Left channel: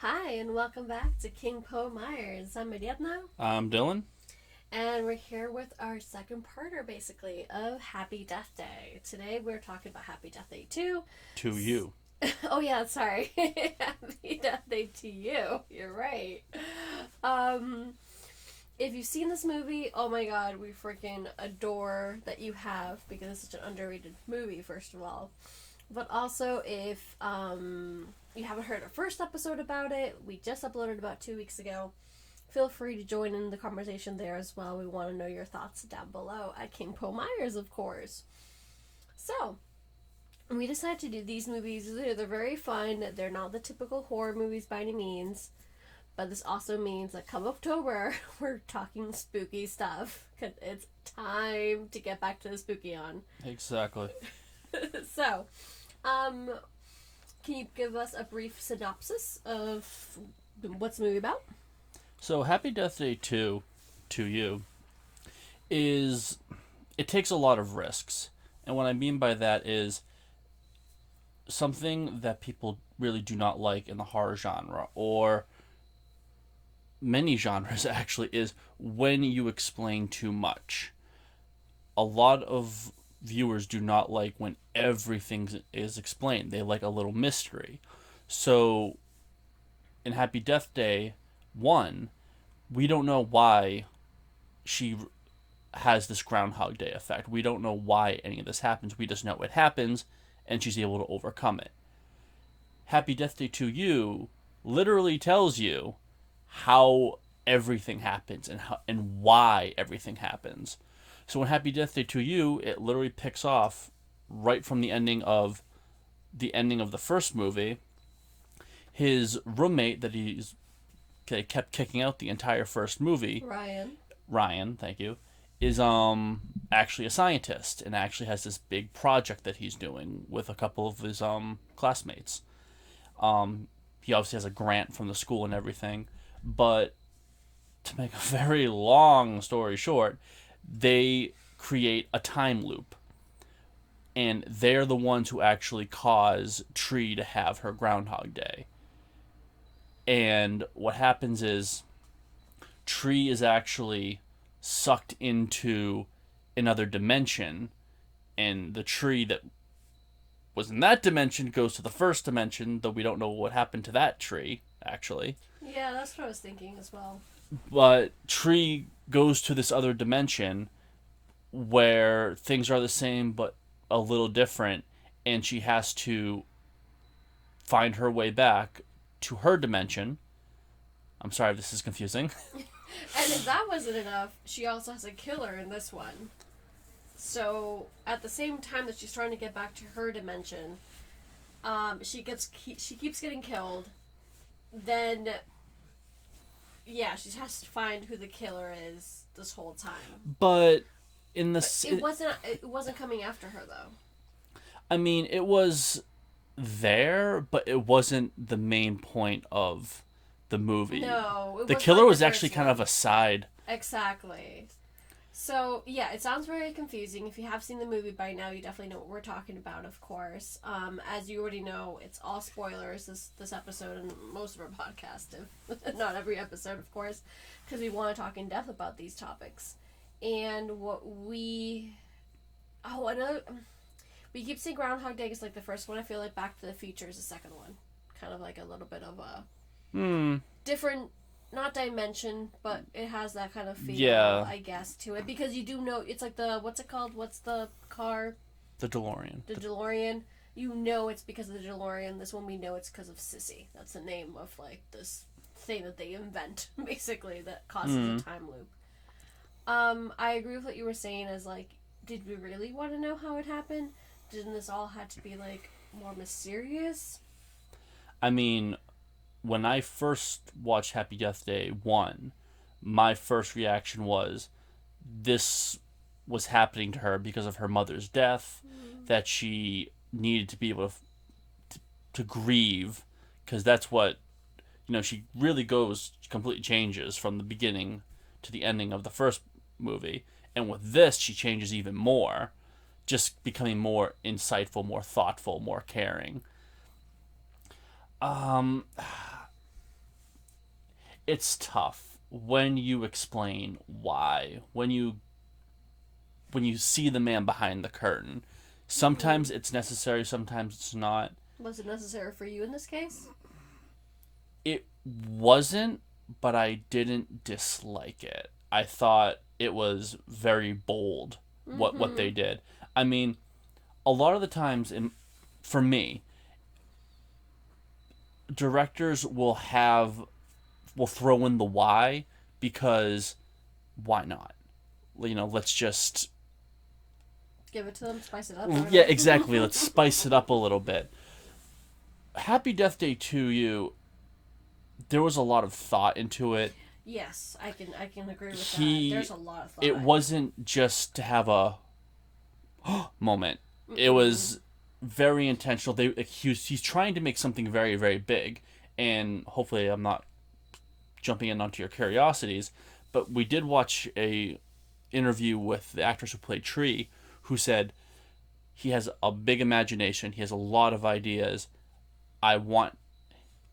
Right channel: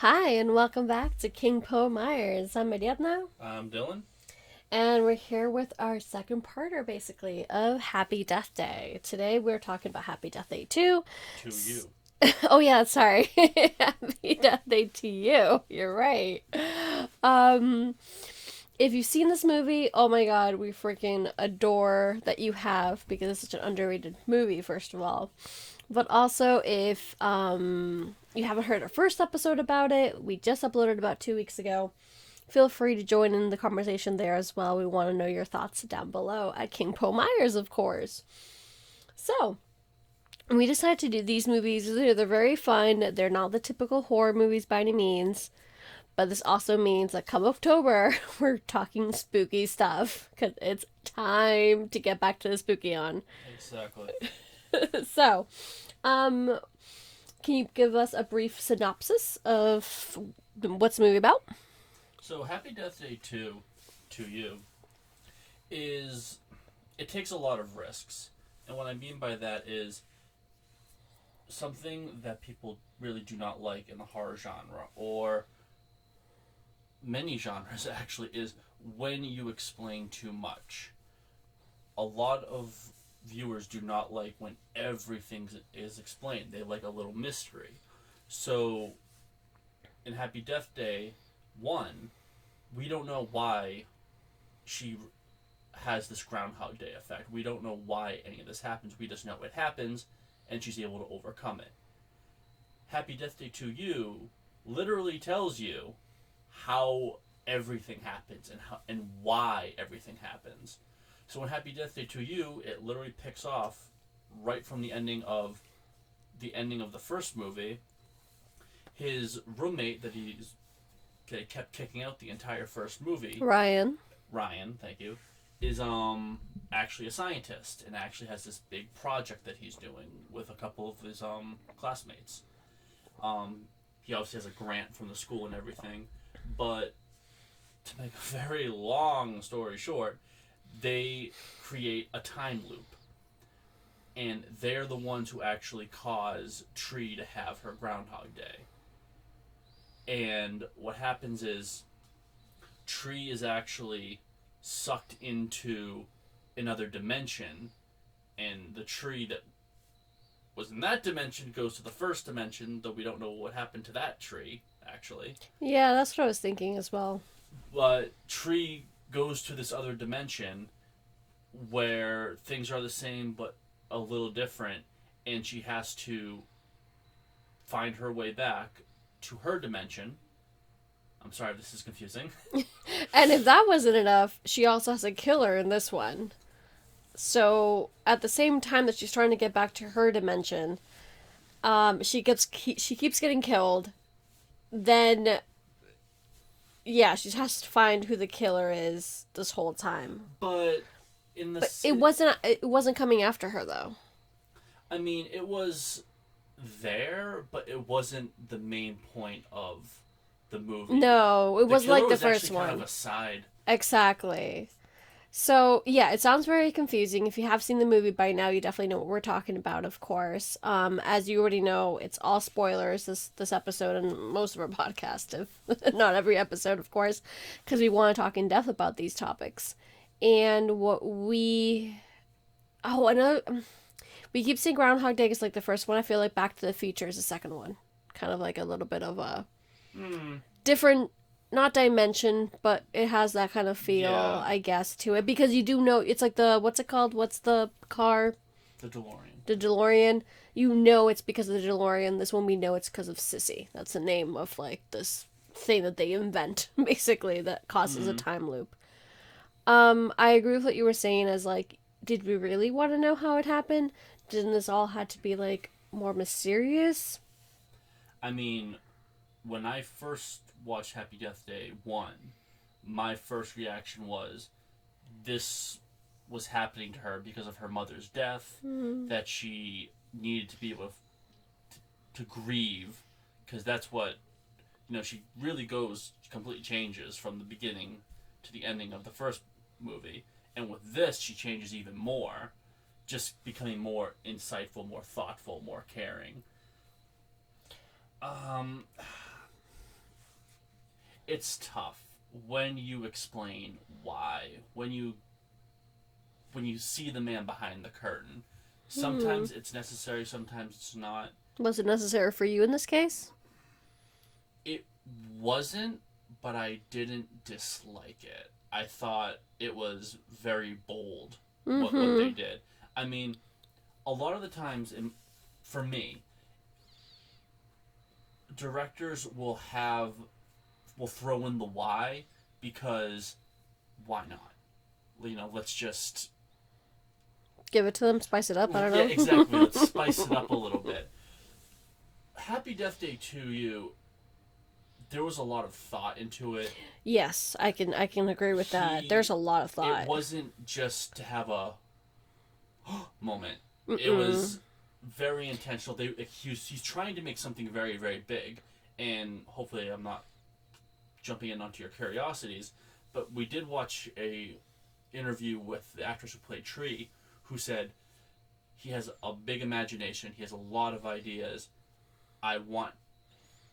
Hi, and welcome back to King Po Myers. I'm Ariadna, I'm Dylan. and we're here with our second parter, basically, of Happy Death Day. Today we're talking about Happy Death Day 2. To you. Oh, yeah, sorry. Happy Death Day to you. You're right. Um, if you've seen this movie, oh my god, we freaking adore that you have because it's such an underrated movie, first of all. But also, if you haven't heard our first episode about it, we just uploaded about 2 weeks ago. Feel free to join in the conversation there as well. We want to know your thoughts down below at King Po Myers, of course. So, we decided to do these movies. They're very fun. They're not the typical horror movies by any means. But this also means that come October, we're talking spooky stuff. Because it's time to get back to the spooky on. Exactly. So, um, can you give us a brief synopsis of what's the movie about? So, Happy Death Day 2 to you is. It takes a lot of risks. And what I mean by that is something that people really do not like in the horror genre, or many genres actually, is when you explain too much. A lot of viewers do not like when everything is explained, they like a little mystery. So, in Happy Death Day 1, we don't know why she has this Groundhog Day effect. We don't know why any of this happens. We just know it happens, and she's able to overcome it. Happy Death Day to You literally tells you how everything happens and why everything happens. So in Happy Death Day to You, it literally picks off right from the ending of the first movie. His roommate that he's kept kicking out the entire first movie, Ryan. Ryan, thank you, is actually a scientist and actually has this big project that he's doing with a couple of his classmates. He obviously has a grant from the school and everything, but to make a very long story short, they create a time loop, and they're the ones who actually cause Tree to have her Groundhog Day. And what happens is Tree is actually sucked into another dimension, and the tree that was in that dimension goes to the first dimension, though we don't know what happened to that tree, actually. Yeah, that's what I was thinking as well. But Tree goes to this other dimension where things are the same but a little different, and she has to find her way back to her dimension. I'm sorry if this is confusing. And if that wasn't enough, she also has a killer in this one. So at the same time that she's trying to get back to her dimension, she keeps getting killed. Then she has to find who the killer is this whole time. But in the But it wasn't coming after her though. I mean, it was there, but it wasn't the main point of the movie. No, it The was killer like the was first actually kind one. of a side. Exactly. So yeah, it sounds very confusing. If you have seen the movie by now, you definitely know what we're talking about, of course. As you already know, it's all spoilers this episode and most of our podcast, if not every episode, of course, because we want to talk in depth about these topics. And what we another we keep saying Groundhog Day is like the first one. I feel like Back to the Future is the second one, kind of like a little bit of a Hmm. different, not dimension, but it has that kind of feel, Yeah. I guess, to it, because you do know it's like the, what's it called, what's the car, The DeLorean. the DeLorean. You know it's because of the DeLorean. This one we know it's because of Sissy. That's the name of like this thing that they invent basically that causes a Hmm. time loop. I agree with what you were saying, as like, did we really want to know how it happened? Didn't this all have to be like more mysterious? I mean, when I first watched Happy Death Day 1, my first reaction was this was happening to her because of her mother's death, Mm. that she needed to be able to grieve, because that's what, she really goes, completely changes from the beginning to the ending of the first movie. And with this, she changes even more, just becoming more insightful, more thoughtful, more caring. Um, it's tough when you explain why, when you see the man behind the curtain. Sometimes it's necessary, sometimes it's not. Was it necessary for you in this case? It wasn't, but I didn't dislike it. I thought it was very bold what they did. I mean, a lot of the times for me, directors will throw in the why because why not? Let's just Give it to them, spice it up. I don't yeah, know. exactly. Let's spice it up a little bit. Happy Death Day to You. There was a lot of thought into it. Yes, I can agree with that. There's a lot of thought. It wasn't just to have a moment. It was very intentional. He's trying to make something very, very big, and hopefully I'm not jumping in onto your curiosities, but we did watch a interview with the actress who played Tree, who said he has a big imagination. He has a lot of ideas. I want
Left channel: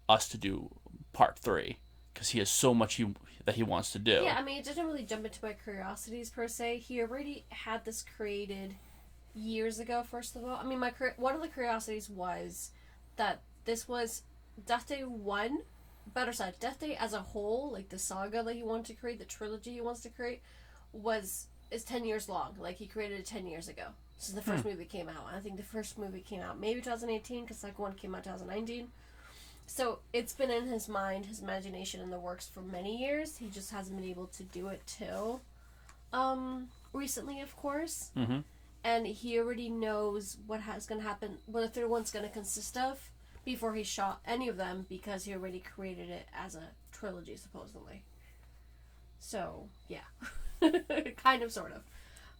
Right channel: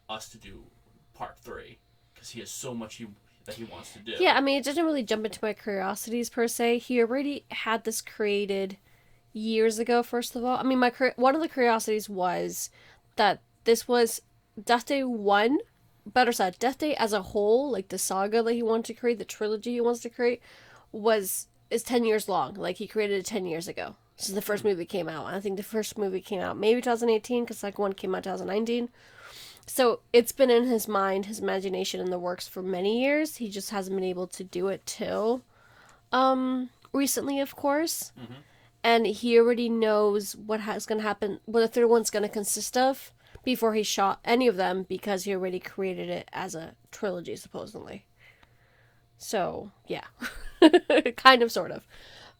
us to do part 3 because he has so much that he wants to do. Yeah, I mean, it didn't really jump into my curiosities per se. He already had this created years ago. First of all, I mean, one of the curiosities was that this was Death Day 1. Better said, Death Day as a whole, like the saga that he wanted to create, the trilogy he wants to create, is 10 years long. Like, he created it 10 years ago. Since the first movie came out. I think the first movie came out maybe 2018, because the second one came out 2019. So it's been in his mind, his imagination, in the works for many years. He just hasn't been able to do it till recently, of course. Mm-hmm. And he already knows what going to happen, what the third one's going to consist of, before he shot any of them, because he already created it as a trilogy, supposedly. So, yeah. Kind of, sort of.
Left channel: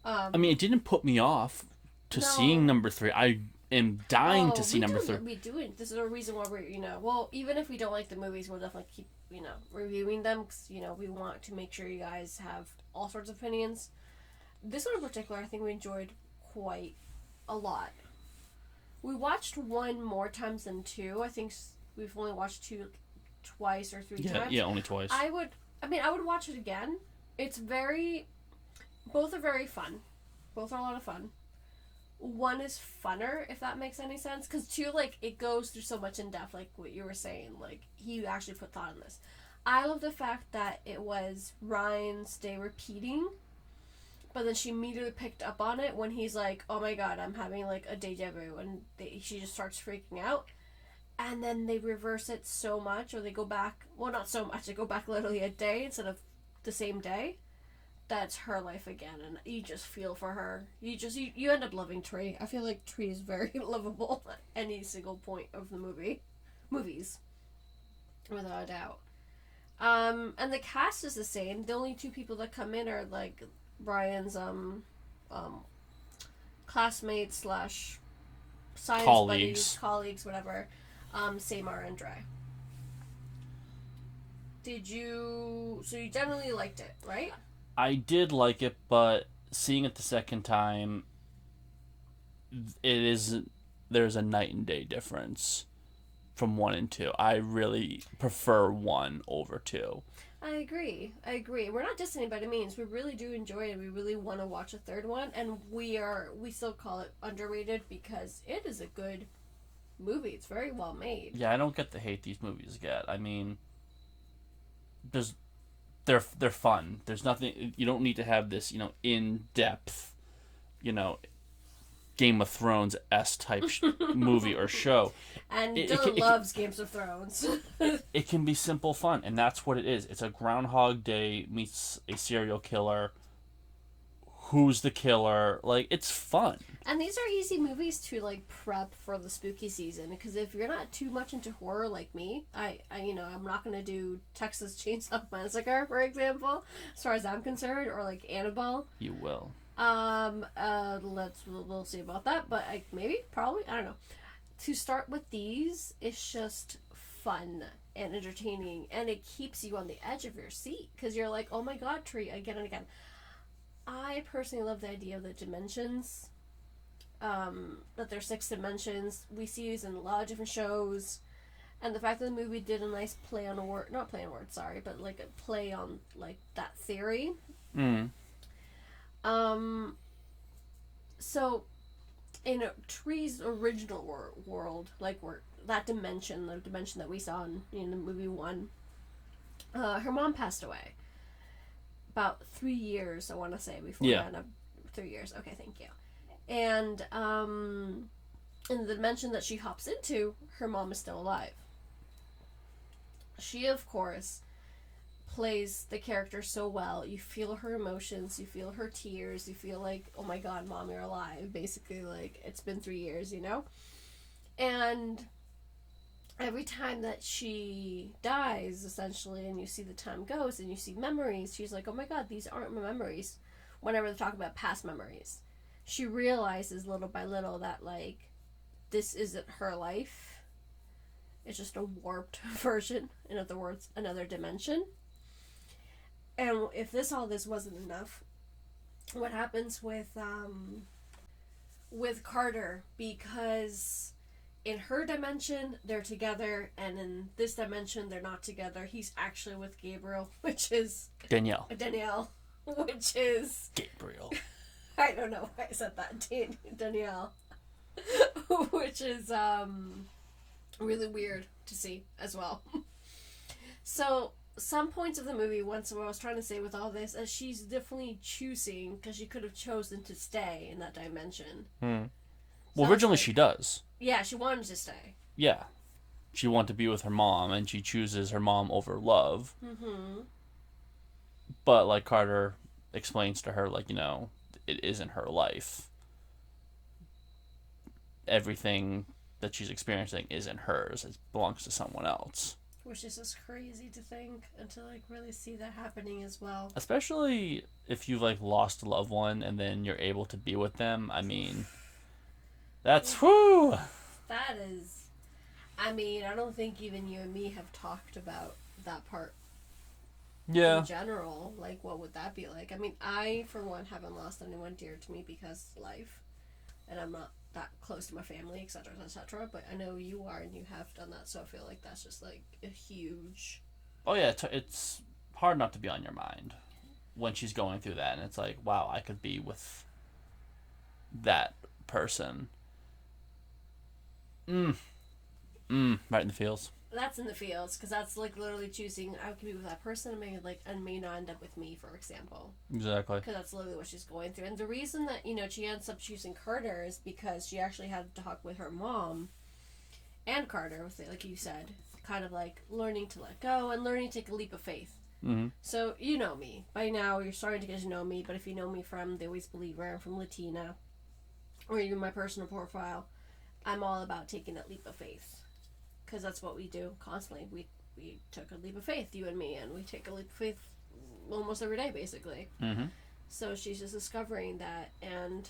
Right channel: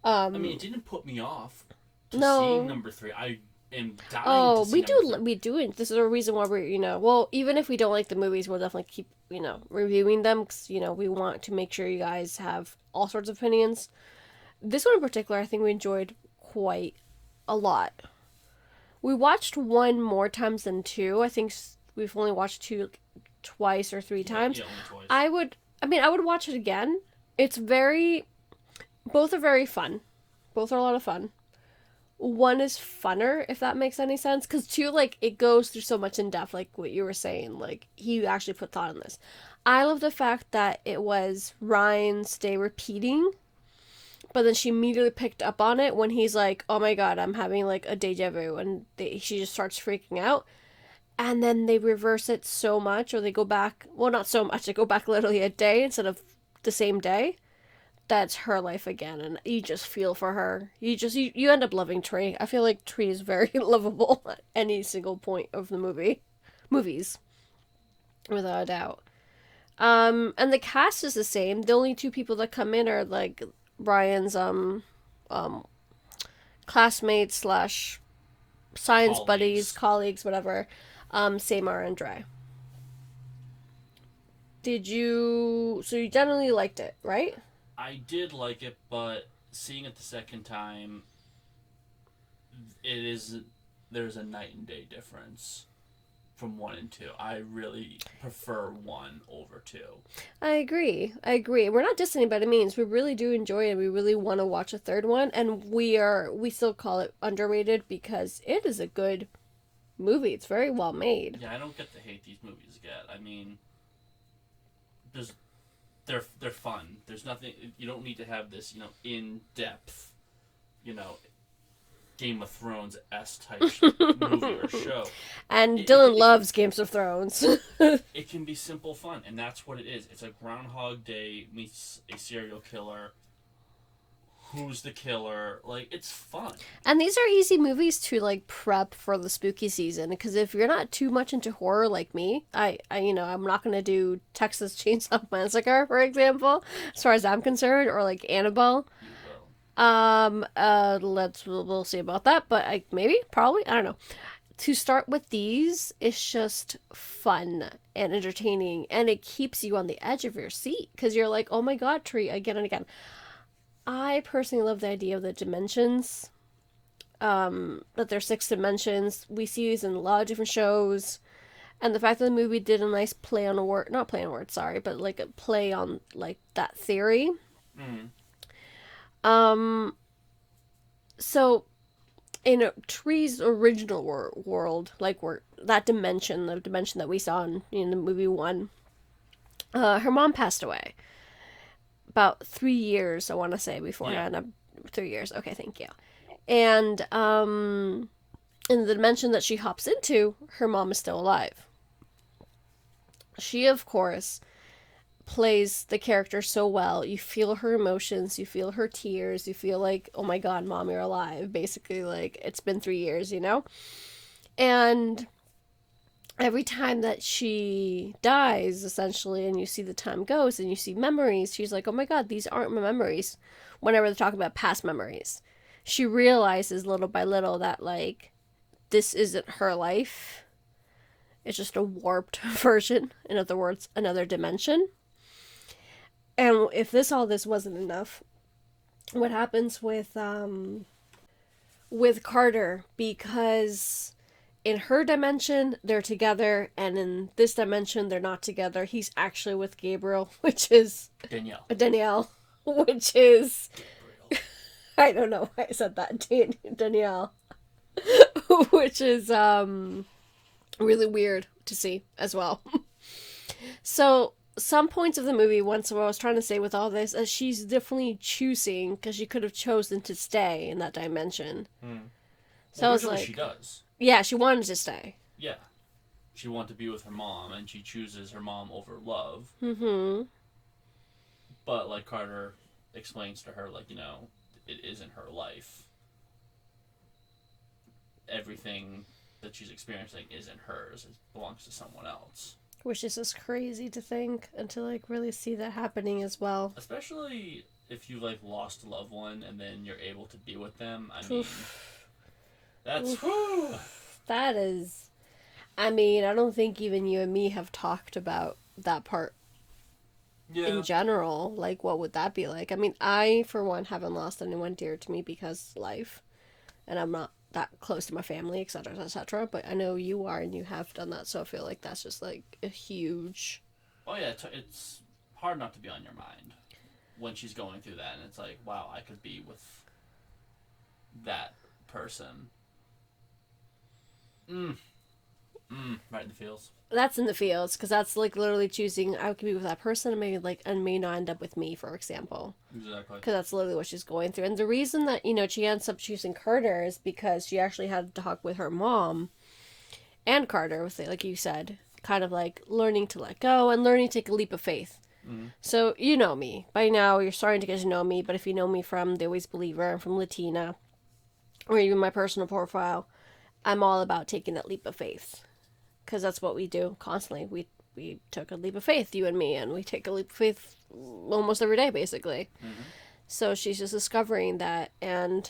I mean, it didn't put me off to seeing number 3. I am dying to see number 3. We do. This is a reason why we're, well, even if we don't like the movies, we'll definitely keep, reviewing them, because, we want to make sure you guys have all sorts of opinions. This one in particular, I think we enjoyed quite a lot. We watched one more times than 2. I think we've only watched 2 twice or 3 times. Yeah, only twice. I would watch it again. Both are very fun. Both are a lot of fun. One is funner, if that makes any sense. Because 2, it goes through so much in depth, like what you were saying. He actually put thought in this. I love the fact that it was Ryan's day repeating, but then she immediately picked up on it when he's like, oh my god, I'm having, a deja vu, and she just starts freaking out. And then they reverse it so much, or they go back, well, not so much, they go back literally a day instead of the same day. That's her life again, and you just feel for her. You end up loving Tree. I feel like Tree is very lovable at any single point of the movies, without a doubt. And the cast is the same. The only 2 people that come in are Brian's classmates / science buddies, colleagues, whatever. Samar and Dre. So you generally liked it, right? I did like it, but seeing it the second time, there's a night and day difference from 1 and 2. I really prefer 1 over 2. I agree. We're not dissing it by any means. We really do enjoy it. We really want to watch a third one, and we still call it underrated because it is a good movie. It's very well made. Yeah, I don't get the hate these movies get. I mean, they're fun. There's nothing, you don't need to have this, in-depth, Game of Thrones-esque type movie or show. And Dylan loves Games of Thrones. It can be simple fun, and that's what it is. It's a Groundhog Day meets a serial killer. Who's the killer? It's fun. And these are easy movies to prep for the spooky season, because if you're not too much into horror like me, I'm not gonna do Texas Chainsaw Massacre, for example, as far as I'm concerned, or Annabelle. You will. We'll see about that, but probably, I don't know. To start with these, it's just fun and entertaining, and it keeps you on the edge of your seat, because you're like, oh my god, Tree, again and again. I personally love the idea of the dimensions, that there's 6 dimensions. We see these in a lot of different shows, And the fact that the movie did a nice play on a word, not play on a word, sorry, but like a play on like that theory. Mm. Um, so in Tree's original world, like where that dimension, the dimension that we saw in the movie one, her mom passed away about 3 years, I want to say, Yeah. beforehand. 3 years. Okay, thank you. And in the dimension that she hops into, her mom is still alive. She, of course, plays the character so well. You feel her emotions, you feel her tears, you feel like, oh my god, mom, you're alive. Basically, like, it's been 3 years, you know? And every time that she dies, essentially, and you see the time goes and you see memories, she's like, oh my god, these aren't my memories. Whenever they talk about past memories, she realizes little by little that, like, this isn't her life. It's just a warped version. In other words, another dimension. And if all this wasn't enough, what happens with Carter, because in her dimension they're together and in this dimension they're not together. He's actually with Gabriel, which is Danielle, which is Gabriel. I don't know why I said that. Danielle. Which is really weird to see as well. So some points of the movie, once what I was trying to say with all this, is she's definitely choosing, because she could have chosen to stay in that dimension. So Well, originally like, she does. Yeah, she wanted to stay. Yeah. She wanted to be with her mom, and she chooses her mom over love. Mm-hmm. But, like, Carter explains to her, like, it isn't her life. Everything that she's experiencing isn't hers. It belongs to someone else. Which is just crazy to think and to, like, really see that happening as well. Especially if you've, like, lost a loved one and then you're able to be with them. I mean, that's, whoo! That is, I mean, I don't think even you and me have talked about that part. Yeah. In general, like, what would that be like? I mean, I, for one, haven't lost anyone dear to me because life, and I'm not that close to my family, etc., etc., but I know you are, and you have done that, so I feel like that's just, like, a huge... Oh, yeah, it's hard not to be on your mind when she's going through that, and it's like, wow, I could be with that person. Right in the feels. That's in the fields, because that's, like, literally choosing, I could be with that person and maybe, like, and may not end up with me, for example. Exactly. Because that's literally what she's going through. And the reason that, she ends up choosing Carter is because she actually had to talk with her mom and Carter, with it, like you said, kind of, like, learning to let go and learning to take a leap of faith. Mm-hmm. So, you know me. By now, you're starting to get to know me, but if you know me from The Always Believer and from Latina, or even my personal profile, I'm all about taking that leap of faith. Because that's what we do constantly. We took a leap of faith, you and me, and we take a leap of faith almost every day, basically. Mm-hmm. So she's just discovering that and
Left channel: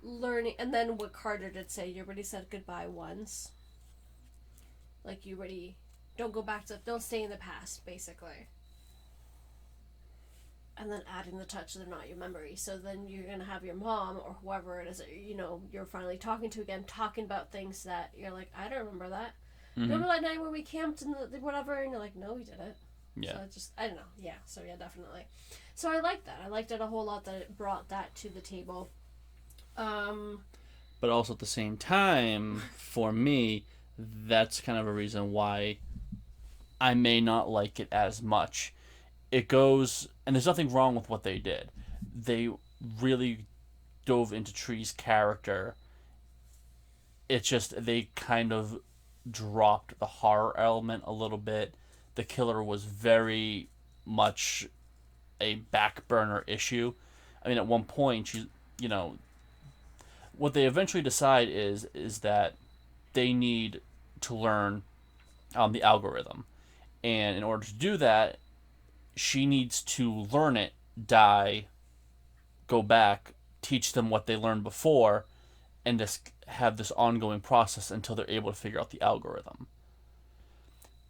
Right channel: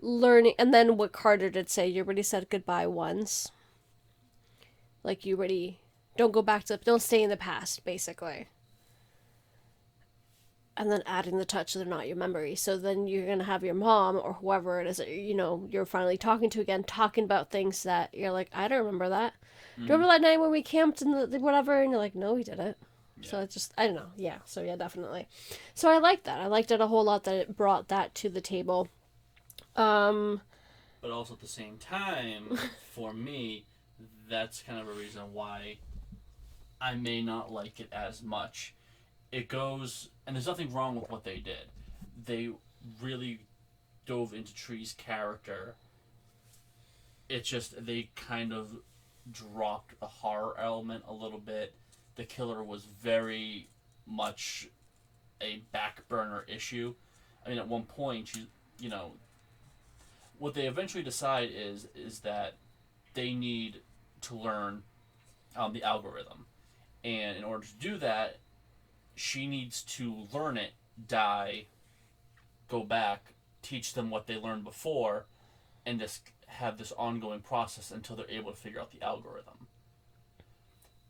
learning. And then what Carter did say, you already said goodbye once. Like, you already... Don't go back to... Don't stay in the past, basically. And then adding the touch, they're not your memory. So then you're going to have your mom or whoever it is that, you're finally talking to again, talking about things that you're like, I don't remember that. Do you remember that night when we camped and the whatever? And you're like, no, we didn't. Yeah. So it's just, I don't know. Yeah. So yeah, definitely. So I liked that. I liked it a whole lot that it brought that to the table. But also at the same time, for me, that's kind of a reason why I may not like it as much. It goes, and there's nothing wrong with what they did. They really dove into Tree's character. It's just they kind of dropped the horror element a little bit. The killer was very much a back burner issue. I mean, at one point, what they eventually decide is that they need to learn the algorithm. And in order to do that, she needs to learn it, die, go back, teach them what they learned before, and just have this ongoing process until they're able to figure out the algorithm.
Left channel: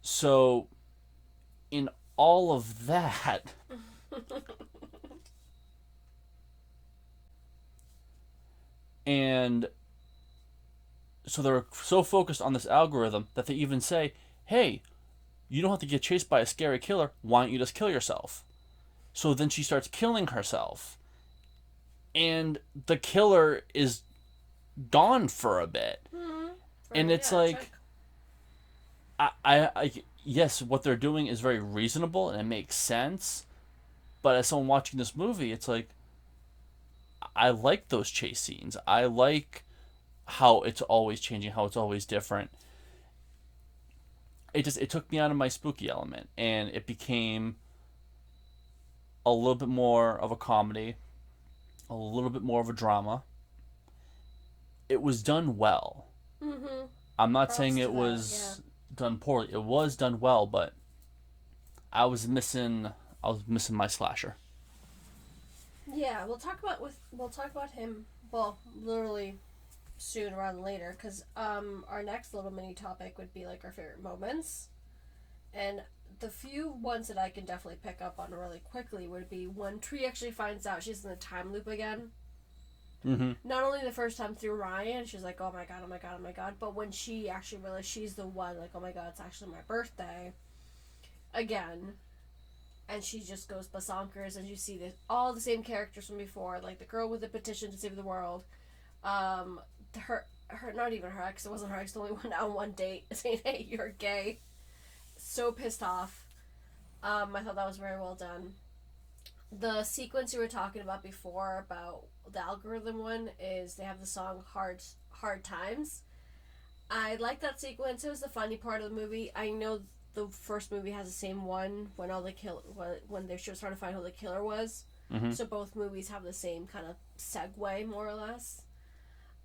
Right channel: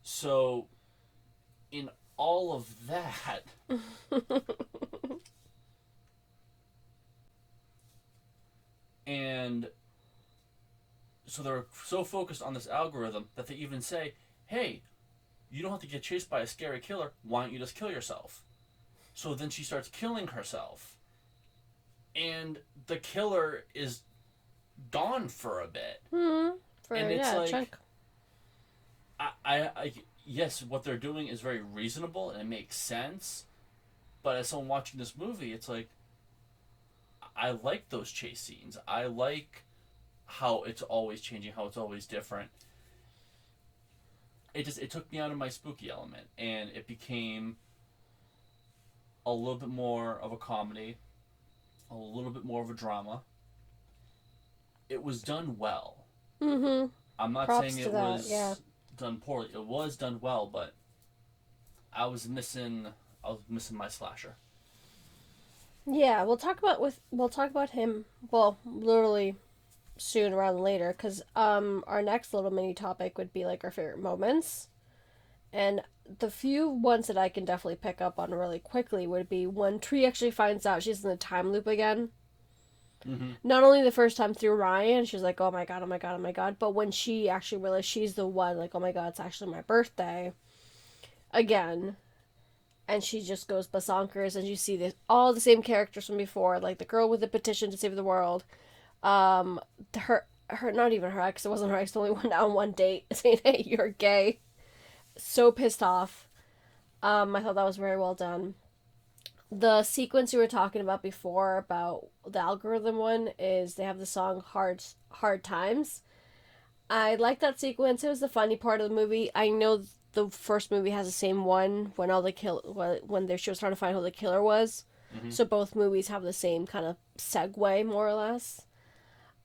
So, in all of that, and So they're so focused on this algorithm that they even say, hey, you don't have to get chased by a scary killer. Why don't you just kill yourself? So then she starts killing herself. And the killer is gone for a bit. And it's like, chunk. yes, what they're doing is very reasonable and it makes sense. But as someone watching this movie, it's like, I like those chase scenes. I like how it's always changing, how it's always different. It took me out of my spooky element, and it became a little bit more of a comedy, a little bit more of a drama. It was done well. I'm not Props saying to it that, was yeah. done poorly. It was done well, but I was missing my slasher. Yeah, we'll talk about him. Well, literally soon rather than later, because our next little mini topic would be like our favorite moments, and the few ones that I can definitely pick up on really quickly would be when Tree actually finds out she's in the time loop again. Mm-hmm. Not only the first time through Ryan, she's like, oh my god, oh my god, oh my god, but when she actually realized she's the one, like, oh my god, it's actually my birthday again, and she just goes basonkers, and you see all the same characters from before, like the girl with the petition to save the world, um, her not even her ex, it wasn't her ex, only went out on one date saying, hey, you're gay. So pissed off. I thought that was very well done. The sequence you were talking about before about the algorithm one is they have the song Hard Times. I like that sequence. It was the funny part of the movie. I know the first movie has the same one when she was trying to find who the killer was. Mm-hmm. So both movies have the same kind of segue, more or less.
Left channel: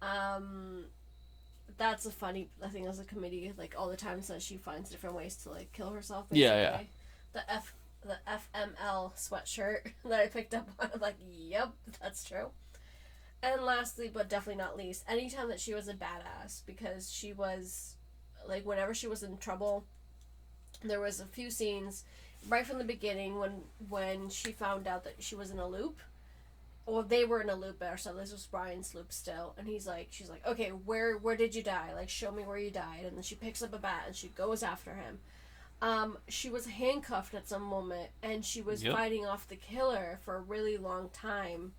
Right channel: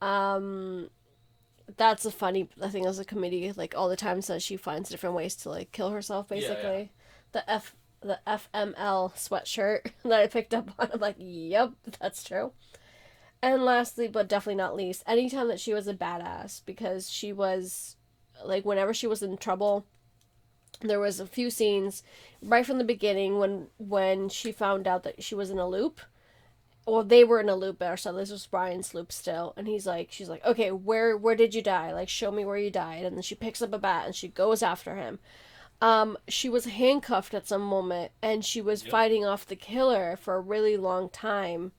Um, that's a funny thing as a comedy. Like all the times that she finds different ways to like kill herself, basically. Yeah. The the FML sweatshirt that I picked up on. I'm like, yep, that's true. And lastly, but definitely not least, anytime that she was a badass, because she was like whenever she was in trouble, there was a few scenes right from the beginning when she found out that she was in a loop. Well, they were in a loop there, so this was Brian's loop still, and she's like, okay, where did you die? Like, show me where you died. And then she picks up a bat and she goes after him. She was handcuffed at some moment, and she was fighting off the killer for a really long time.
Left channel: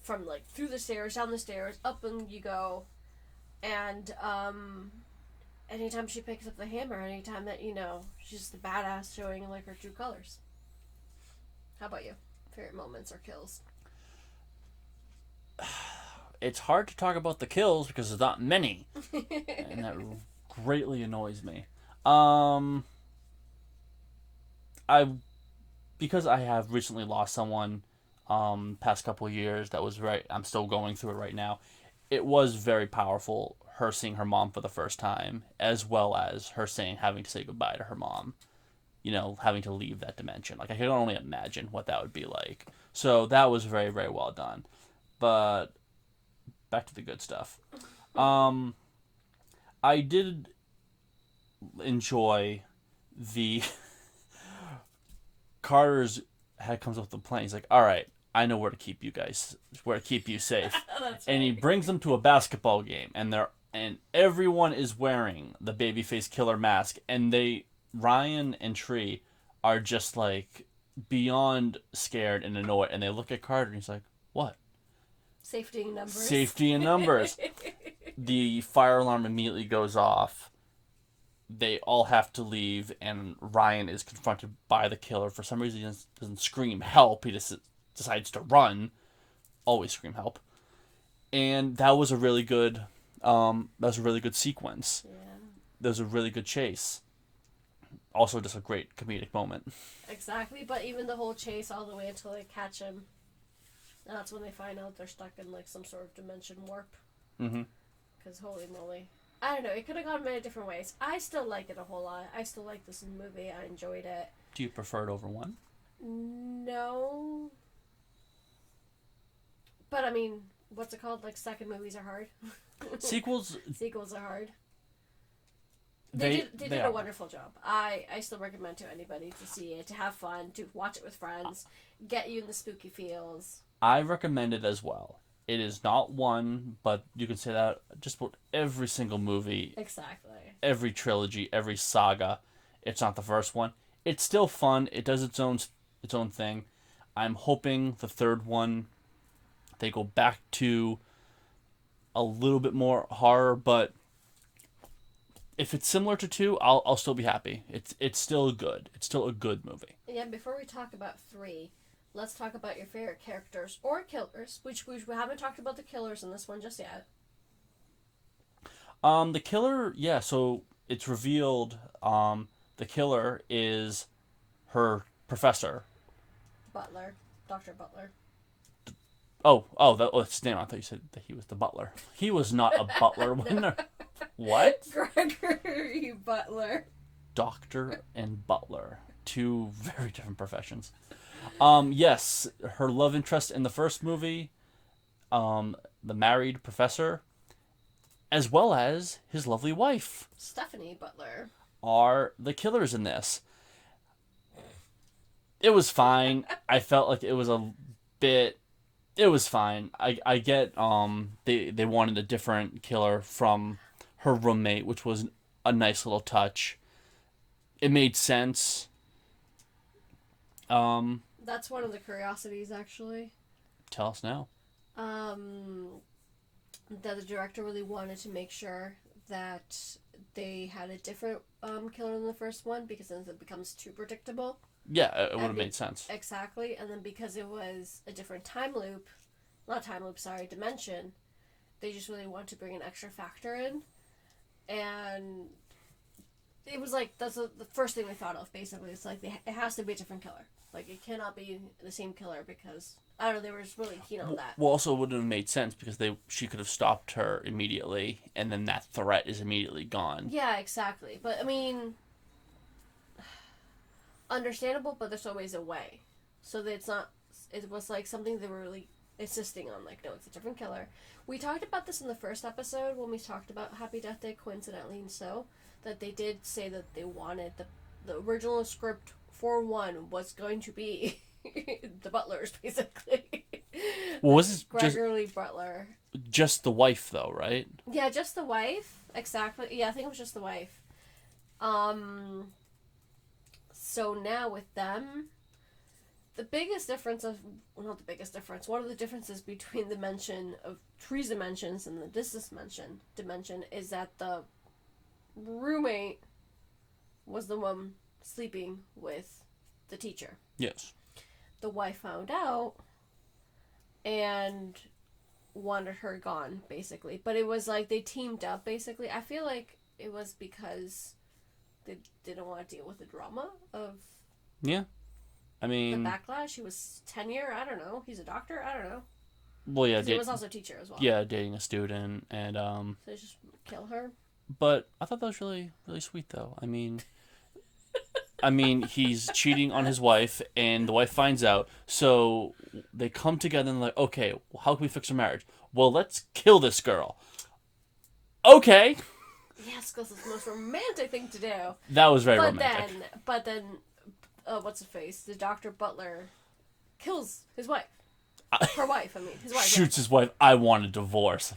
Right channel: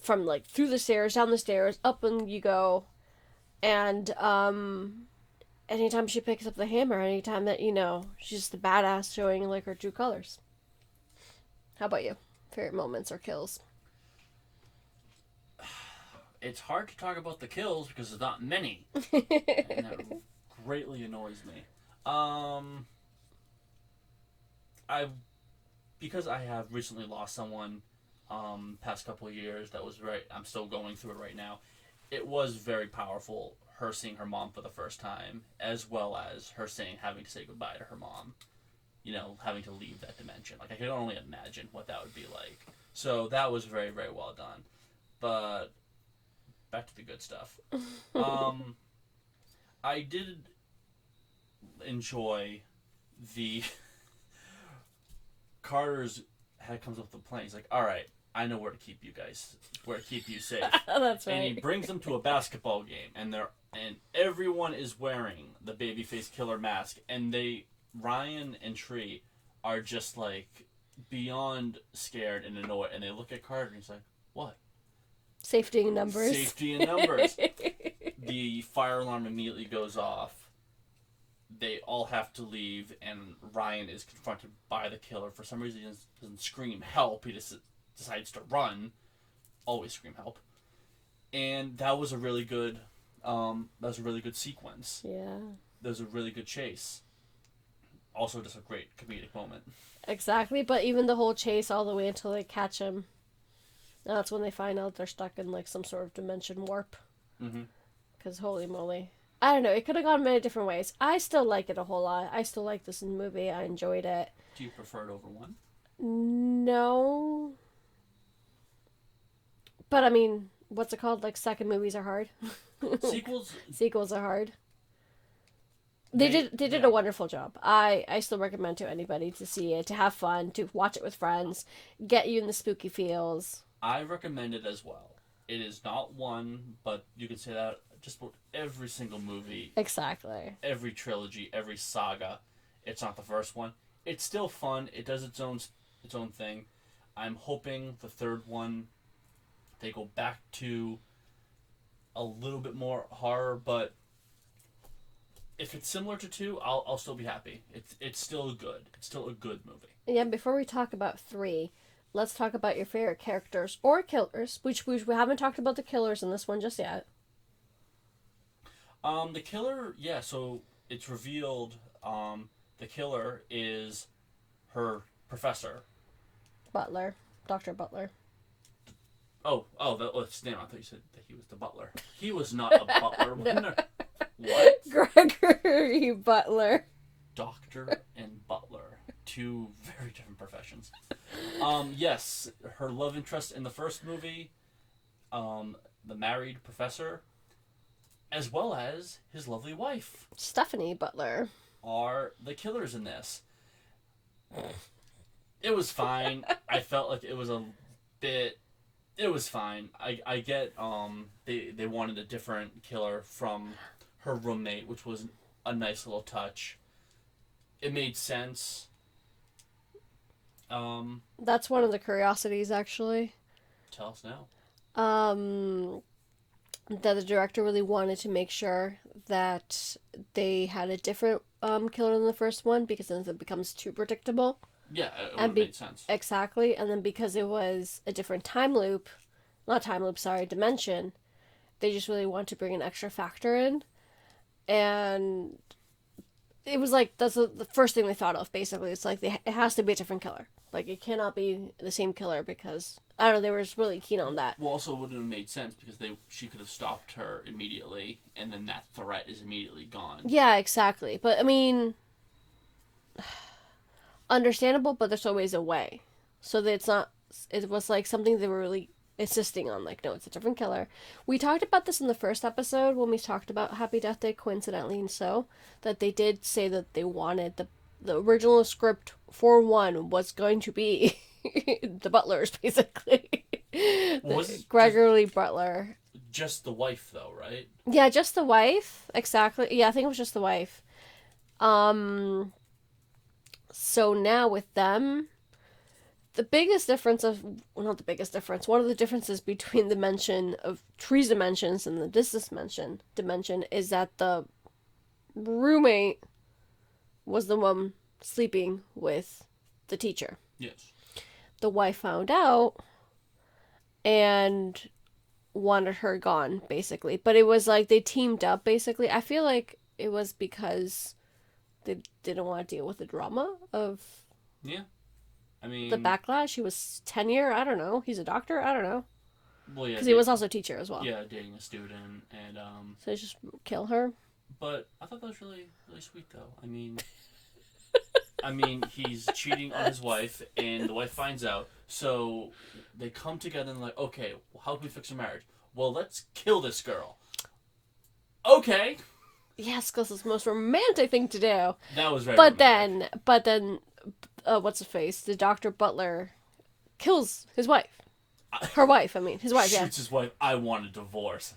From like through the stairs, down the stairs, up and you go, and anytime she picks up the hammer, anytime that she's the badass showing like her true colors. How about you? Favorite moments or kills? It's hard to talk about the kills because there's not many, and that greatly annoys me. I because I have recently lost someone, past couple of years. That was I'm still going through it right now. It was very powerful. Her seeing her mom for the first time, as well as her having to say goodbye to her mom. Having to leave that dimension. Like I can only imagine what that would be like. So that was very, very well done. But back to the good stuff. I did enjoy the Carter's head comes up with the plan. He's like, all right, I know where to keep you guys, where to keep you safe. That's right. And he brings them to a basketball game, and everyone is wearing the babyface killer mask, and Ryan and Tree are just like beyond scared and annoyed, and they look at Carter and he's like, what? Safety in numbers. Safety in numbers. The fire alarm immediately goes off. They all have to leave, and Ryan is confronted by the killer. For some reason, he doesn't scream help. He just decides to run. Always scream help. And that was a really good sequence. Yeah. That was a really good chase. Also, just a great comedic moment. Exactly, but even the whole chase all the way until they catch him. That's when they find out they're stuck in like some sort of dimension warp. Mm-hmm. Because holy moly. I don't know, it could have gone many different ways. I still like it a whole lot. I still like this movie. I enjoyed it. Do you prefer it over one? No. But I mean, what's it called? Like second movies are hard. Sequels are hard. They did a wonderful job. I still recommend to anybody to see it, to have fun, to watch it with friends, get you in the spooky feels. I recommend it as well. It is not one, but you can say that just about every single movie, Exactly. every trilogy, every saga. It's not the first one. It's still fun. It does its own thing. I'm hoping the third one they go back to a little bit more horror, but if it's similar to two, I'll still be happy. It's still good. It's still a good movie. Yeah, before we talk about 3, let's talk about your favorite characters or killers, which we haven't talked about the killers in this one just yet. The killer, yeah. So it's revealed. The killer is her professor. Butler. Dr. Butler. That's his name. I thought you said that he was the butler. He was not a butler. What? Gregory Butler. Doctor and butler, two very different professions. Yes, her love interest in the first movie, the married professor, as well as his lovely wife, Stephanie Butler. are the killers in this. It was fine. I felt like it was a bit. It was fine. I get they wanted a different killer from her roommate, which was a nice little touch. It made sense. That's one of the curiosities, actually. Tell us now. That the director really wanted to make sure that they had a different killer than the first one, because then it becomes too predictable. Yeah, it would have made sense. Exactly, and then because it was a different dimension, they just really want to bring an extra factor in. And it was like, that's the first thing they thought of, basically. It's like, it has to be a different killer. Like, it cannot be the same killer, because, I don't know, they were just really keen on that. Well, also it wouldn't have made sense because she could have stopped her immediately, and then that threat is immediately gone. Yeah, exactly. But, I mean, understandable, but there's always a way. So that it was like something they were really insisting on, like, no, it's a different killer. We talked about this in the first episode when we talked about Happy Death Day, coincidentally, and so that they did say that they wanted the original script for 1 was going to be the Butlers, basically. Was it Gregory Butler? Just the wife, though, right? Yeah, just the wife. Exactly. Yeah, I think it was just the wife. So now with them, the biggest difference not the biggest difference, one of the differences between the mention of Tree's dimensions and the distance dimension is that the roommate was the one sleeping with the teacher. Yes. The wife found out and wanted her gone, basically. But it was like they teamed up, basically. I feel like it was because they didn't want to deal with the drama of... Yeah. I mean... the backlash. He was tenure. I don't know. He's a doctor. I don't know. Well, yeah. Because he was also a teacher as well. Yeah, dating a student and... So they just kill her. But I thought that was really, really sweet, though. I mean, he's cheating on his wife, and the wife finds out. So they come together and like, okay, how can we fix our marriage? Well, let's kill this girl. Okay. Yes, because it's the most romantic thing to do. That was very romantic. But then, what's his face? The Dr. Butler kills his wife. Her wife, I mean. His wife, shoots his wife. I want a divorce.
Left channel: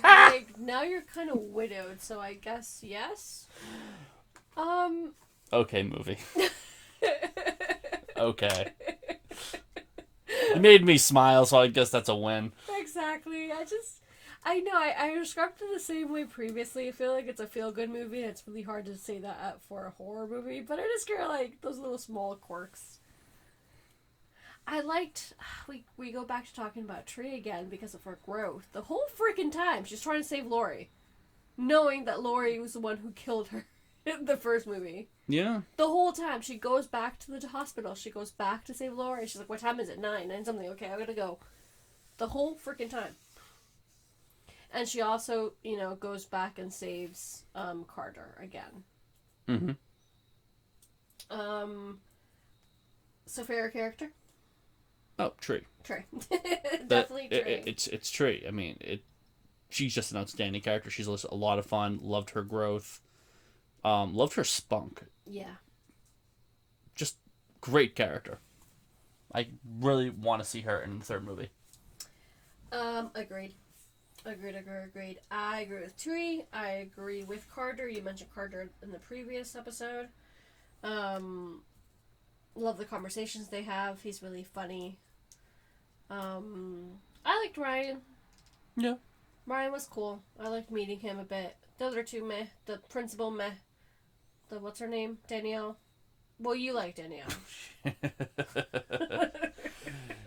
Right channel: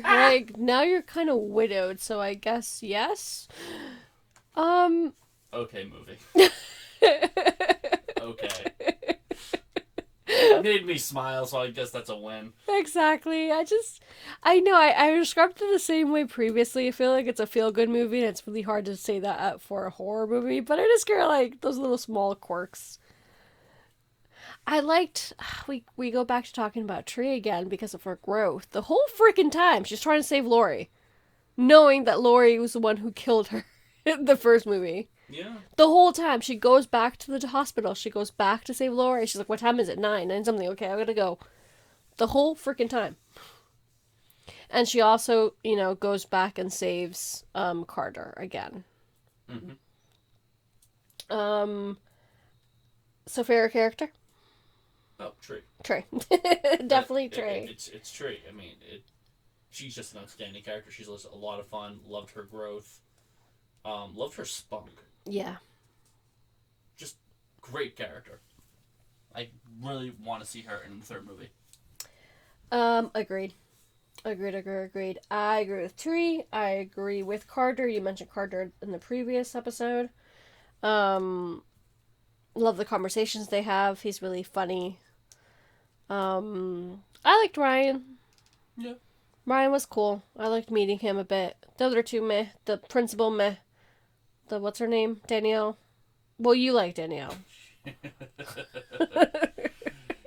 Like, now you're kind of widowed, so I guess yes. Okay, movie. Okay. It made me smile, so I guess that's a win. Exactly. I know, I described it the same way previously. I feel like it's a feel-good movie, and it's really hard to say that for a horror movie, but I just kind of like those little small quirks. I liked, we go back to talking about Tree again because of her growth. The whole freaking time, she's trying to save Lori, knowing that Lori was the one who killed her in the first movie. Yeah. The whole time, she goes back to the hospital. She goes back to save Lori. She's like, what time is it? 9 something. Okay, I gotta go. The whole freaking time. And she also, goes back and saves Carter again. Mm-hmm. So favorite character? Oh, Tree. Trey. Definitely Trey. It's Tree. I mean, she's just an outstanding character. She's a lot of fun. Loved her growth. Loved her spunk. Yeah. Just great character. I really want to see her in the third movie. Agreed. Agreed. I agree with Tree. I agree with Carter. You mentioned Carter in the previous episode. Um, love the conversations they have. He's really funny. I liked Ryan. Yeah. Ryan was cool. I liked meeting him a bit. The other two meh. The principal meh. The what's her name? Danielle. Well, you like Danielle.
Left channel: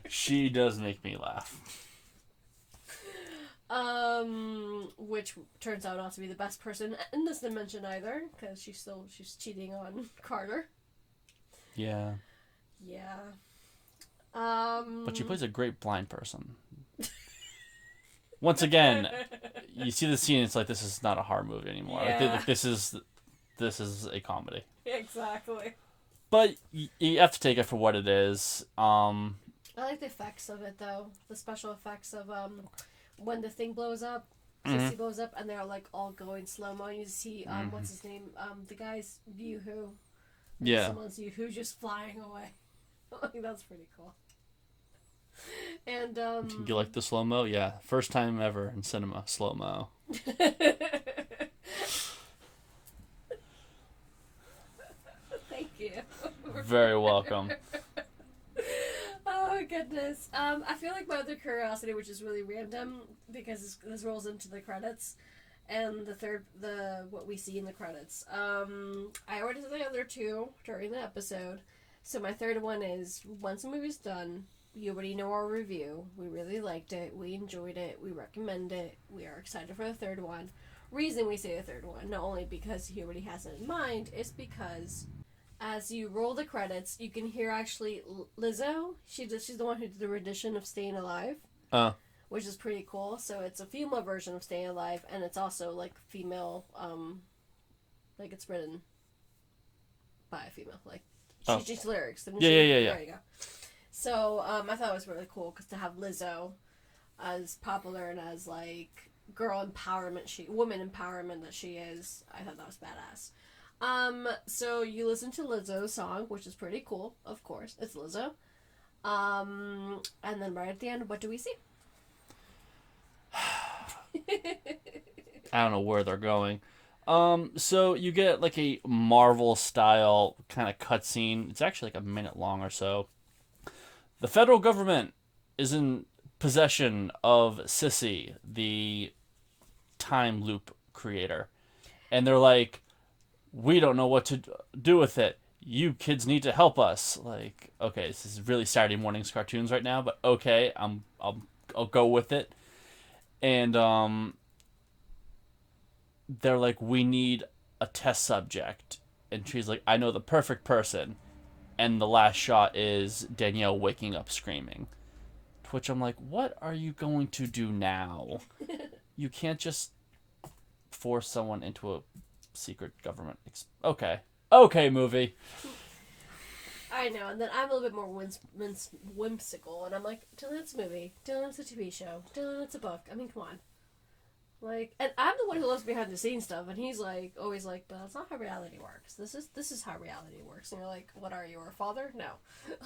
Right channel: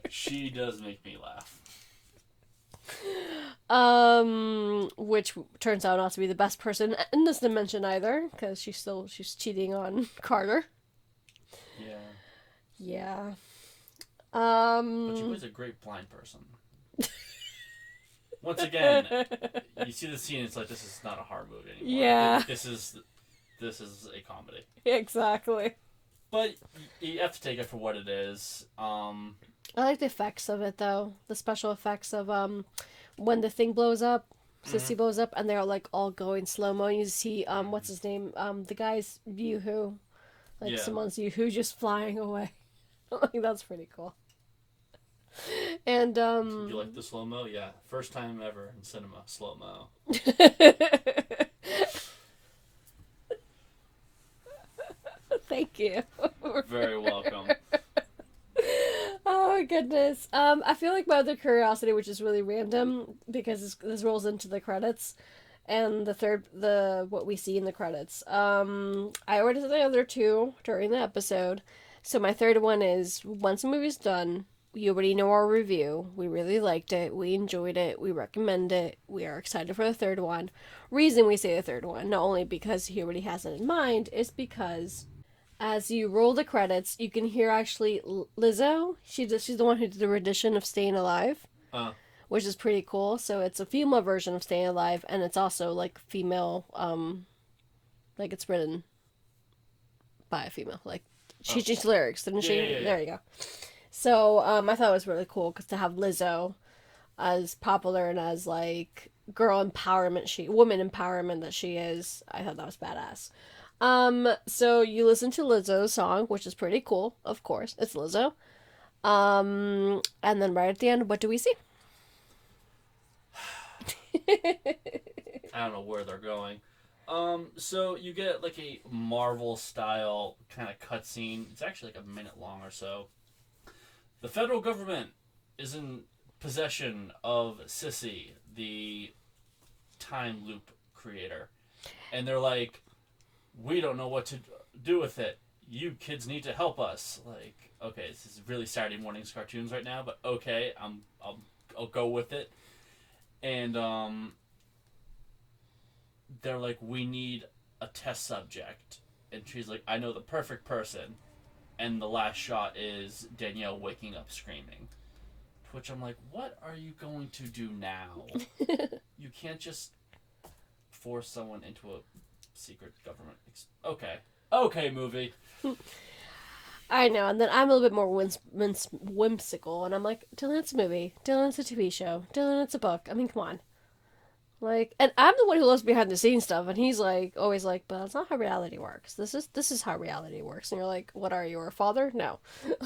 She does make me laugh. Which turns out not to be the best person in this dimension either, because she's cheating on Carter. Yeah. Yeah. But she plays a great blind person. Once again, you see the scene. It's like this is not a horror movie anymore. Yeah. Like, this is a comedy. Exactly. But you have to take it for what it is. I like the effects of it though. The special effects of when the thing blows up, Sissy blows up, and they're like all going slow mo. You see what's his name? The guy's Yoo-hoo. Like someone's Yoo-hoo just flying away. I think that's pretty cool. And you like the slow mo? Yeah, first time ever in cinema, slow mo. Thank you. Very welcome. Oh my goodness. I feel like my other curiosity, which is really random because this rolls into the credits, and what we see in the credits. I already said the other two during the episode, so my third one is once the movie's done. You already know our review. We really liked it. We enjoyed it. We recommend it. We are excited for the third one. Reason we say the third one, not only because he already has it in mind, is because as you roll the credits, you can hear actually Lizzo. She's the one who did the rendition of Staying Alive, which is pretty cool. So it's a female version of Staying Alive, and it's also like female, like it's written by a female. Like she changes lyrics. Didn't she? Yeah. There you go. So I thought it was really cool because to have Lizzo as popular and as like woman empowerment that she is, I thought that was badass. So you listen to Lizzo's song, which is pretty cool, of course. It's Lizzo. And then right at the end, what do we see? I don't know where they're going. So you get like a Marvel style kind of cutscene. It's actually like a minute long or so. The federal government is in possession of Sissy, the time loop creator. And they're like, we don't know what to do with it. You kids need to help us. Like, okay, this is really Saturday morning's cartoons right now, but okay, I'll go with it. And they're like, we need a test subject. And she's like, I know the perfect person. And the last shot is Danielle waking up screaming. To which I'm like, what are you going to do now? You can't just force someone into a secret government. Okay, movie. I know, and then I'm a little bit more whimsical, and I'm like, Dylan, it's a movie. Dylan, it's a TV show. Dylan, it's a book. I mean, come on. Like, and I'm the one who loves behind the scenes stuff, and he's like, always like, but that's not how reality works. This is how reality works. And you're like, what are you, a father? No.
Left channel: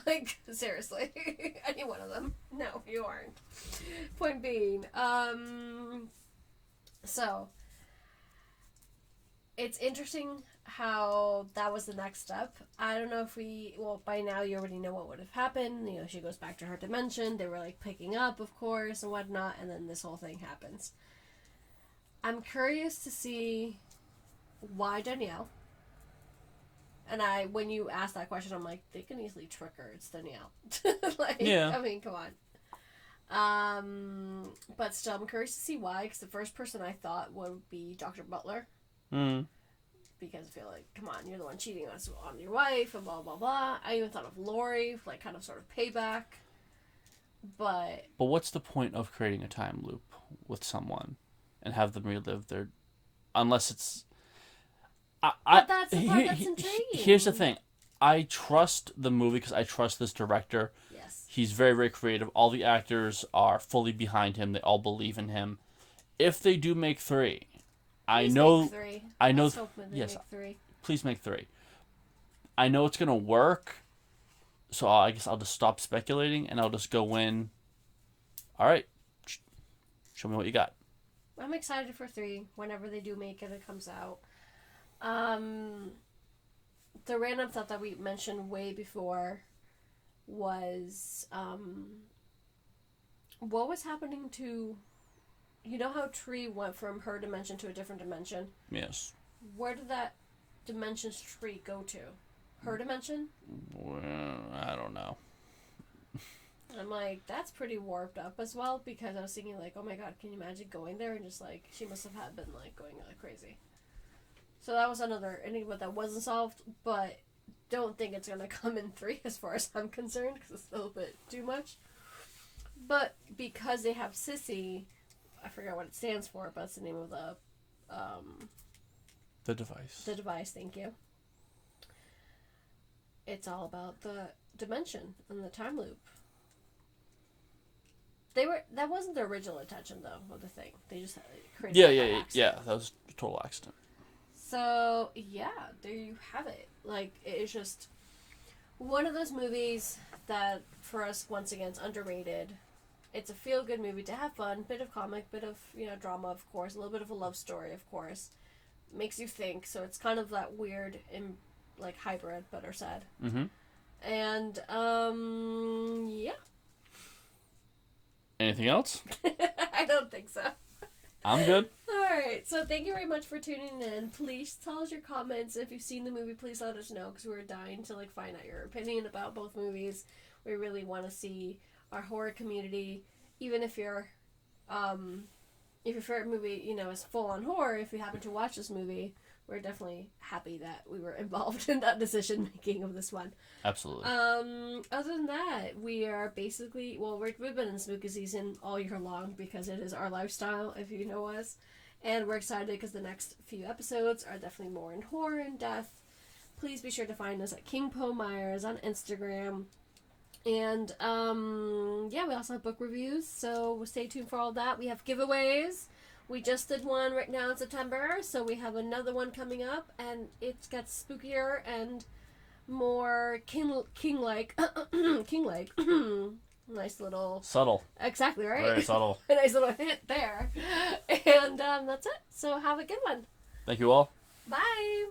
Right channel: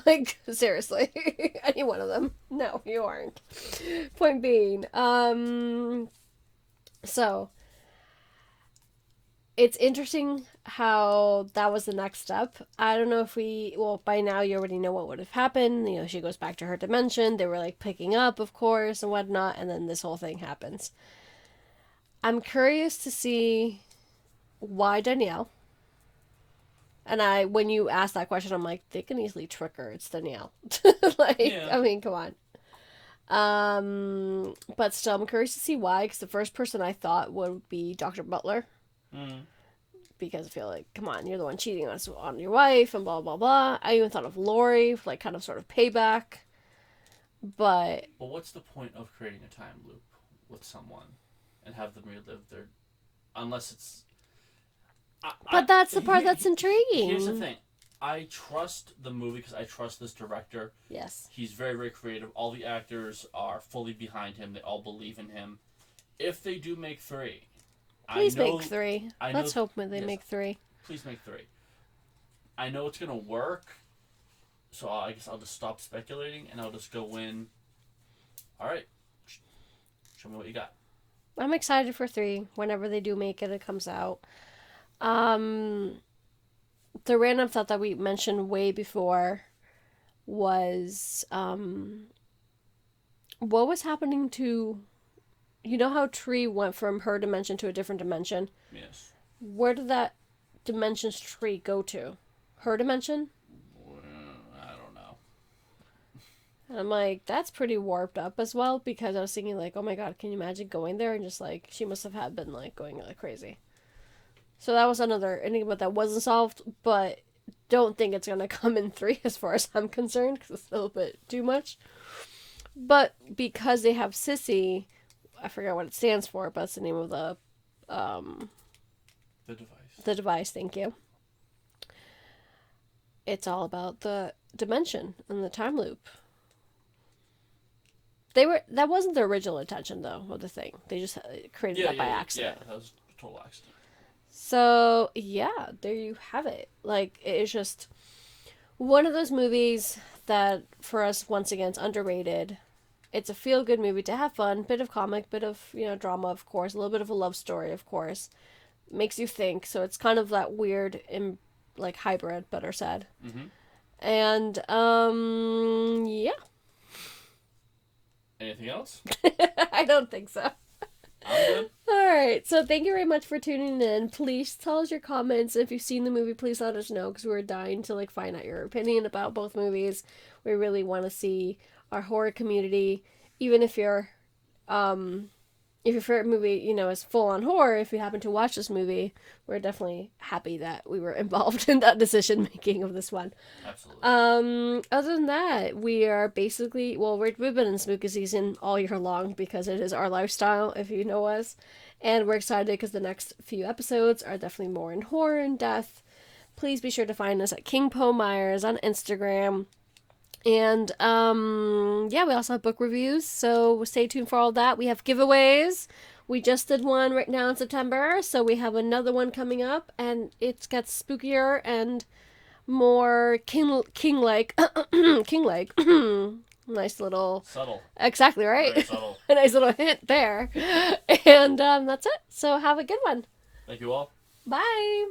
Like, seriously. Any one of them. No, you aren't. Point being, so, it's interesting how that was the next step. I don't know if by now you already know what would have happened. You know, she goes back to her dimension. They were, like, picking up, of course, and whatnot, and then this whole thing happens. I'm curious to see why Danielle. And when you ask that question, I'm like, they can easily trick her. It's Danielle. Like, yeah. I mean, come on. But still, I'm curious to see why, because the first person I thought would be Dr. Butler. Because I feel like, come on, you're the one cheating on your wife, and blah, blah, blah. I even thought of Lori, like, kind of sort of payback. But what's the point of creating a time loop with someone? And have them relive their, unless it's. But that's the part that's intriguing. Here's the thing, I trust the movie because I trust this director. Yes. He's very, very creative. All the actors are fully behind him. They all believe in him. If they do make three, Please make three. Let's hope they make three. Please make three. I know it's gonna work, so I guess I'll just stop speculating and I'll just go in. All right. Show me what you got. I'm excited for 3. Whenever they do make it, it comes out. The random thought that we mentioned way before was what was happening to, you know how Tree went from her dimension to a different dimension? Yes. Where did that dimension's Tree go to? Her dimension? Well, I don't know. And I'm like, that's pretty warped up as well, because I was thinking like, oh my god, can you imagine going there and just like, she must have had been like going like crazy. So that was another enigma that wasn't solved, but don't think it's gonna come in 3 as far as I'm concerned, because it's a little bit too much. But because they have Sissy, I forget what it stands for, but it's the name of the device. The device, thank you. It's all about the dimension and the time loop. That wasn't the original intention though of the thing. They just created that by accident. Yeah, that was a total accident. So yeah, there you have it. Like, it's just one of those movies that for us, once again, it's underrated. It's a feel-good movie to have fun, bit of comic, bit of, drama, of course, a little bit of a love story, of course. Makes you think, so it's kind of that weird, like, hybrid, better said. Mm-hmm. And, yeah. Anything else? I don't think so. I'm good. Alright, so thank you very much for tuning in. Please tell us your comments. If you've seen the movie, please let us know, because we're dying to, like, find out your opinion about both movies. We really want to see our horror community, even if your favorite movie, is full on horror, if you happen to watch this movie, we're definitely happy that we were involved in that decision making of this one. Absolutely. Other than that, we are basically, we've been in spooky season all year long because it is our lifestyle, if you know us, and we're excited because the next few episodes are definitely more in horror and death. Please be sure to find us at King Poe Myers on Instagram. And, we also have book reviews, so stay tuned for all that. We have giveaways. We just did one right now in September, so we have another one coming up, and it gets spookier and more king-like. King-like. Nice little... Subtle. Exactly, right? Very subtle. A nice little hint there. And, that's it. So have a good one. Thank you all. Bye.